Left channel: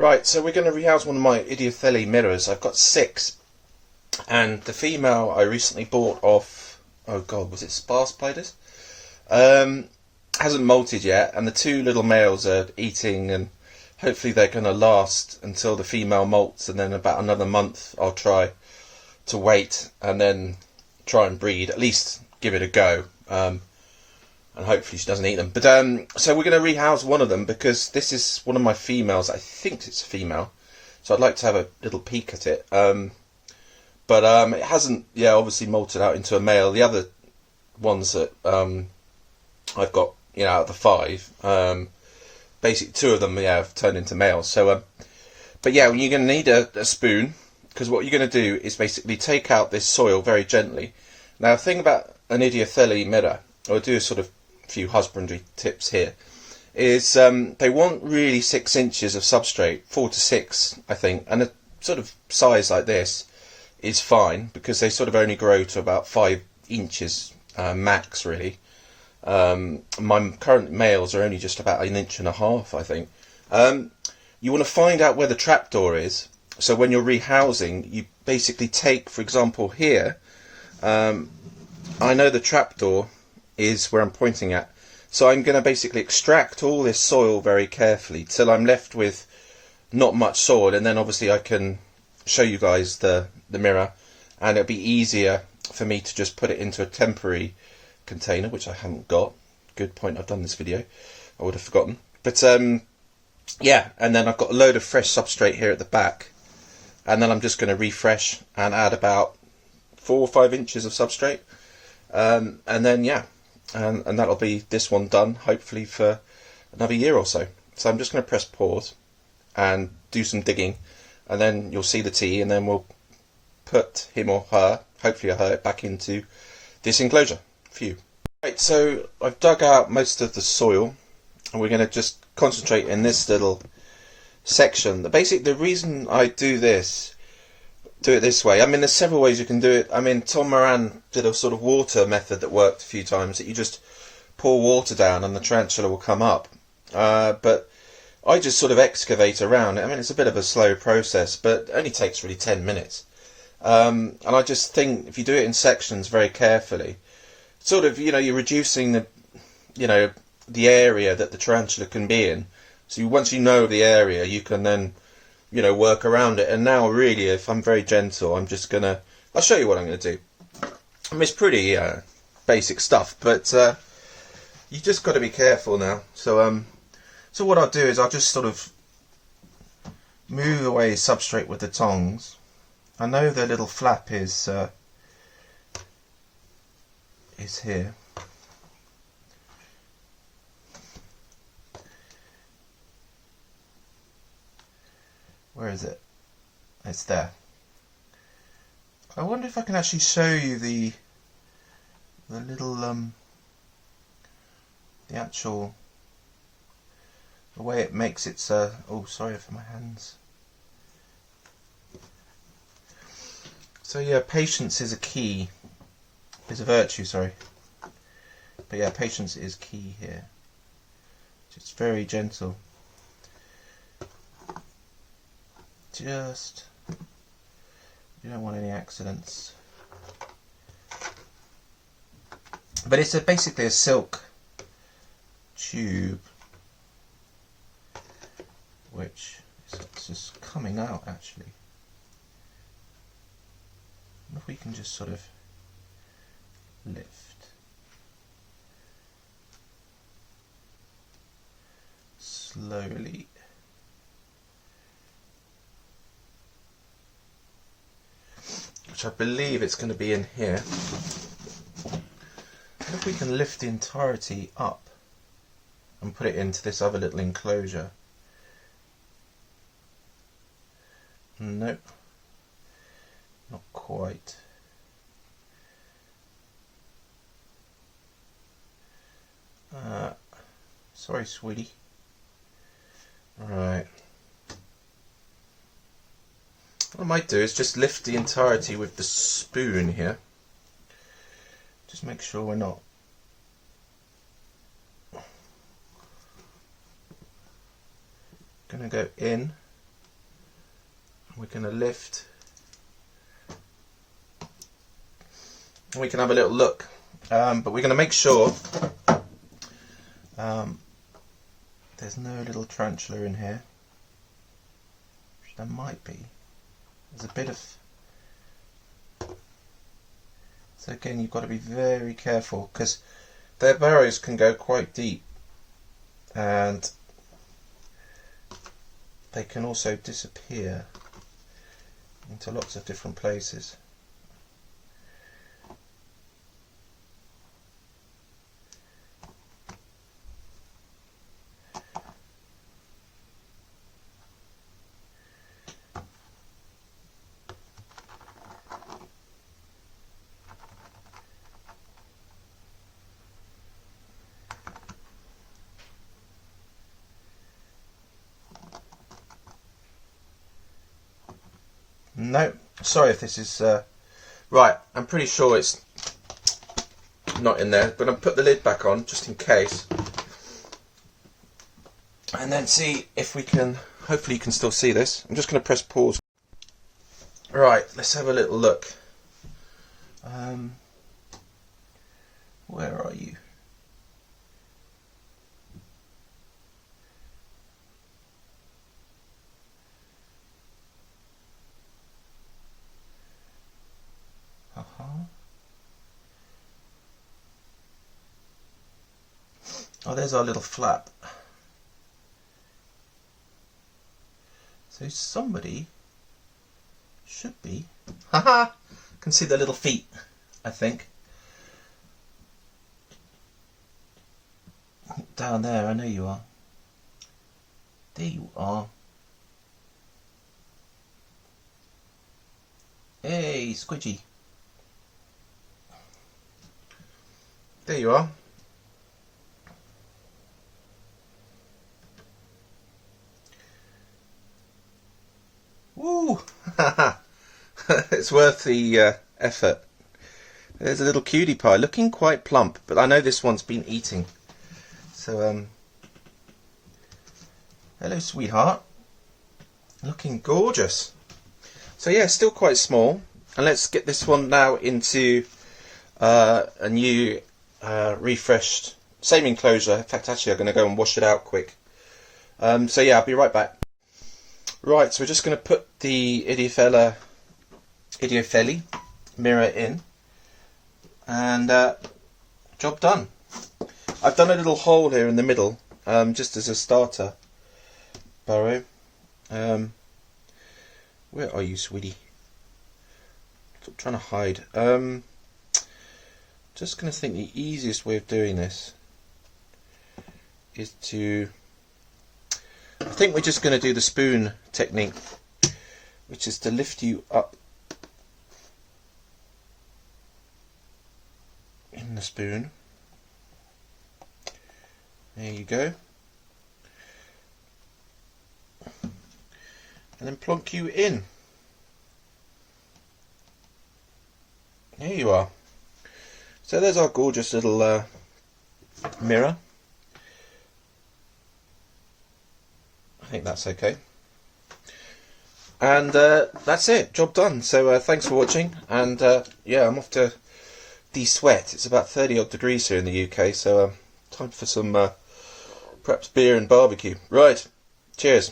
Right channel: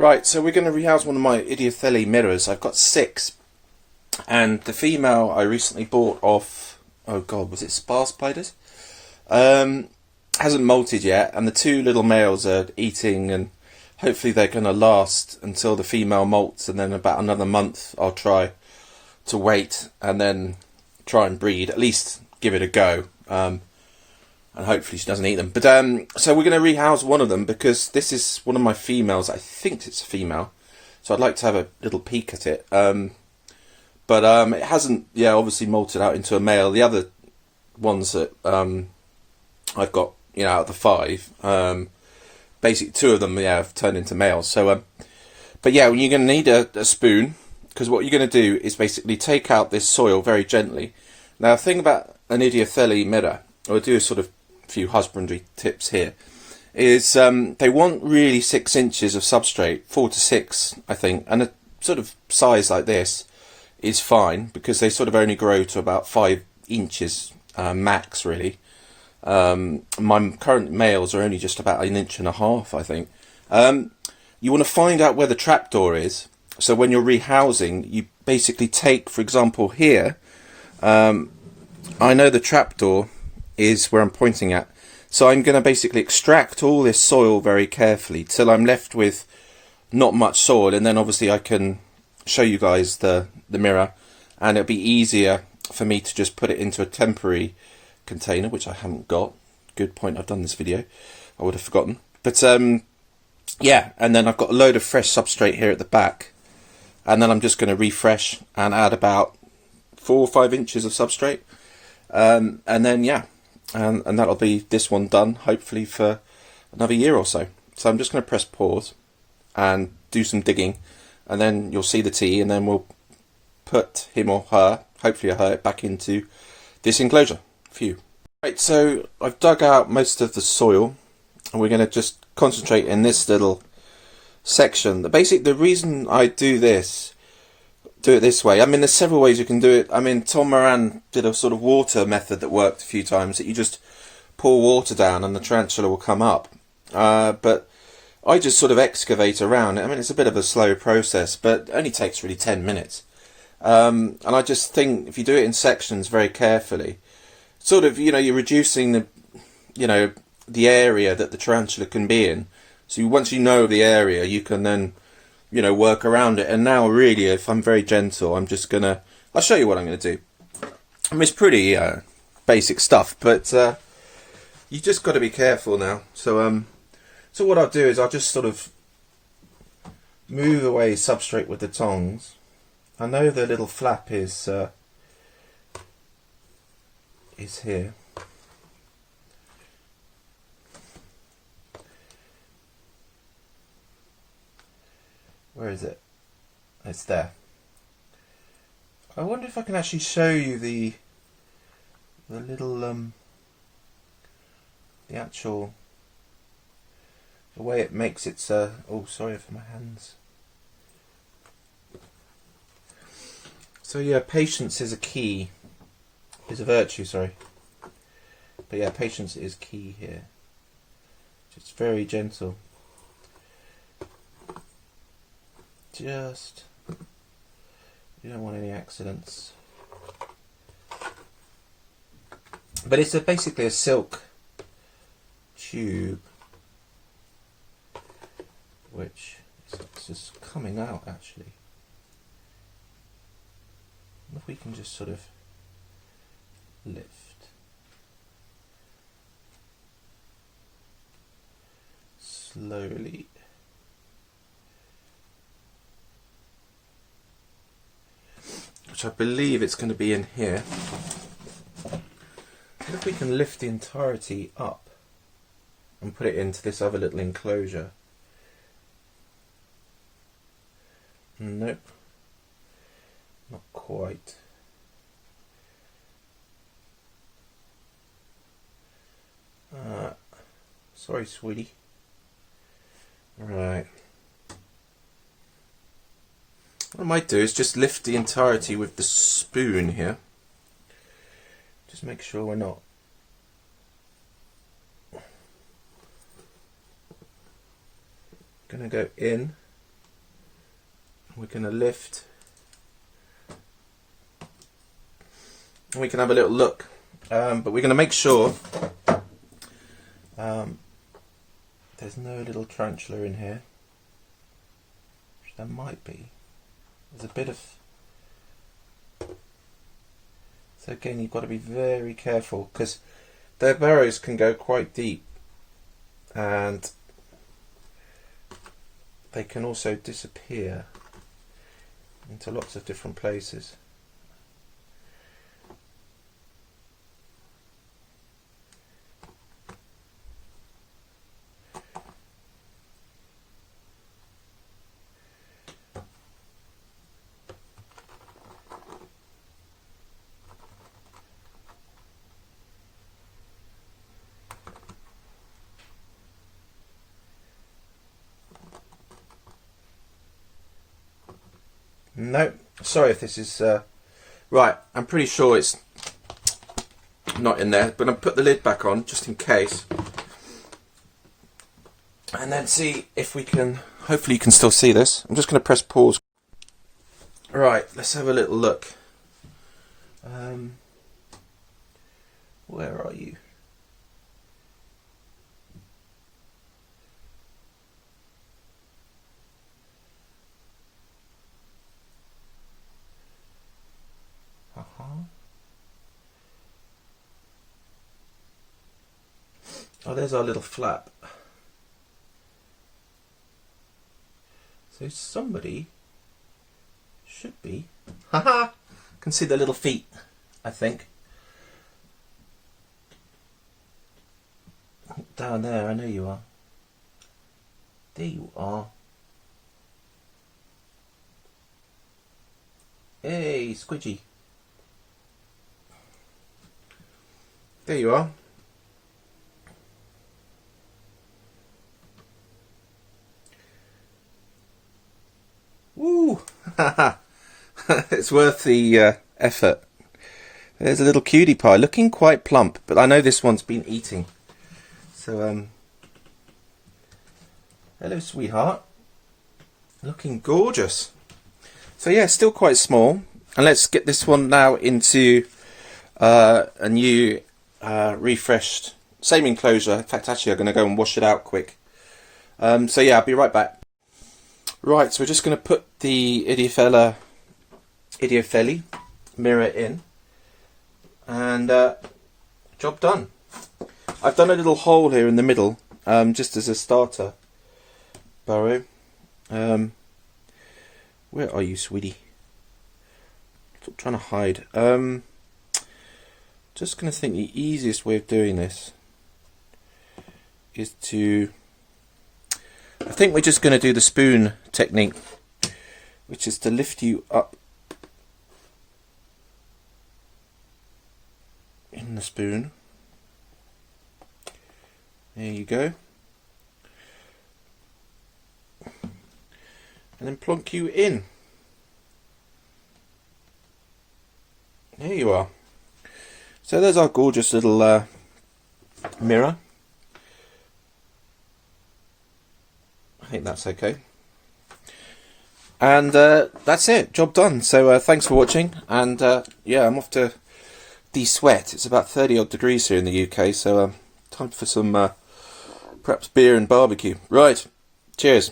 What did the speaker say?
Right, so we're going to rehouse one of my Idiothele mirrors. I've got 6, and the female I recently bought off, oh god, was it Spar Spiders? Hasn't molted yet, and the 2 little males are eating, and hopefully they're going to last until the female molts, and then about another month I'll try to wait and then try and breed, at least give it a go. And hopefully she doesn't eat them. But so we're going to rehouse one of them because this is one of my females. I think it's a female, so I'd like to have a little peek at it. But it hasn't, obviously molted out into a male. The other ones that I've got, out of the 5, basically 2 of them, have turned into males. So, but yeah, you're going to need a spoon, because what you're going to do is basically take out this soil very gently. Now, the thing about an Idiothele mirror, or do a sort of few husbandry tips here, is they want really 6 inches of substrate, 4 to 6 I think, and a sort of size like this is fine because they sort of only grow to about 5 inches max really. My current males are only just about 1.5 inches I think. You want to find out where the trapdoor is, so when you're rehousing you basically take, for example here, I know the trapdoor is where I'm pointing at, so I'm going to basically extract all this soil very carefully till I'm left with not much soil, and then obviously I can show you guys the mirror, and it'll be easier for me to just put it into a temporary container, which I haven't got. Good point, I've done this video, I would have forgotten. But yeah, and then I've got a load of fresh substrate here at the back, and then I'm just going to refresh and add about 4 or 5 inches of substrate, and then and that'll be this one done, hopefully for another year or so. So I'm just going to press pause and do some digging, and then you'll see the tea, and then we'll put him or her, hopefully her, back into this enclosure. Phew. Right, so I've dug out most of the soil, and we're going to just concentrate in this little section. The reason I do it this way, I mean, there's several ways you can do it. I mean, Tom Moran did a sort of water method that worked a few times, that you just pour water down and the tarantula will come up. But I just sort of excavate around it. I mean, it's a bit of a slow process, but it only takes really 10 minutes. And I just think if you do it in sections very carefully, sort of, you're reducing the area that the tarantula can be in. So once you know the area, you can then work around it. And now really, if I'm very gentle, I'll show you what I'm going to do. I mean, it's pretty basic stuff, but you just got to be careful now. So so what I'll do is I'll just sort of move away substrate with the tongs. I know the little flap is here. Where is it? It's there. I wonder if I can actually show you the little the way it makes its oh, sorry for my hands. So yeah, patience is a key. Is a virtue, sorry. But yeah, patience is key here. Just very gentle. Just, you don't want any accidents. But it's basically a silk tube, which is just coming out actually. If we can just sort of lift slowly. Which I believe it's going to be in here. And if we can lift the entirety up and put it into this other little enclosure. Nope. Not quite. Sorry, sweetie. Right. What I might do is just lift the entirety with the spoon here. Just make sure we're not going to go in we're going to lift. We can have a little look, but we're going to make sure there's no little tarantula in here. There might be. There's a bit of... So again, you've got to be very careful because their burrows can go quite deep, and they can also disappear into lots of different places. No, sorry if this is right. I'm pretty sure it's not in there, but I'll put the lid back on just in case, and then see if we can. Hopefully, you can still see this. I'm just going to press pause. Right, let's have a little look. Where are you? Oh, there's our little flap. So somebody should be. Haha! Can see the little feet, I think. Down there, I know you are. There you are. Hey, Squidgy. There you are. Woo! It's worth the effort. There's a little cutie pie, looking quite plump, but I know this one's been eating. So, hello, sweetheart. Looking gorgeous. So yeah, still quite small. And let's get this one now into a new refreshed, same enclosure. In fact, actually, I'm going to go and wash it out quick. So yeah, I'll be right back. Right, so we're just going to put the Idiothele Mira in, and job done. I've done a little hole here in the middle, just as a starter burrow. Where are you, sweetie? Stop trying to hide. Just going to think the easiest way of doing this is to... I think we're just going to do the spoon technique, which is to lift you up in the spoon. There you go. And then plonk you in. There you are. So there's our gorgeous little mirror. I think that's okay. And that's it, job done. So thanks for watching, and yeah, I'm off to de-sweat. It's about 30 odd degrees here in the UK, so time for some perhaps beer and barbecue. Right, cheers.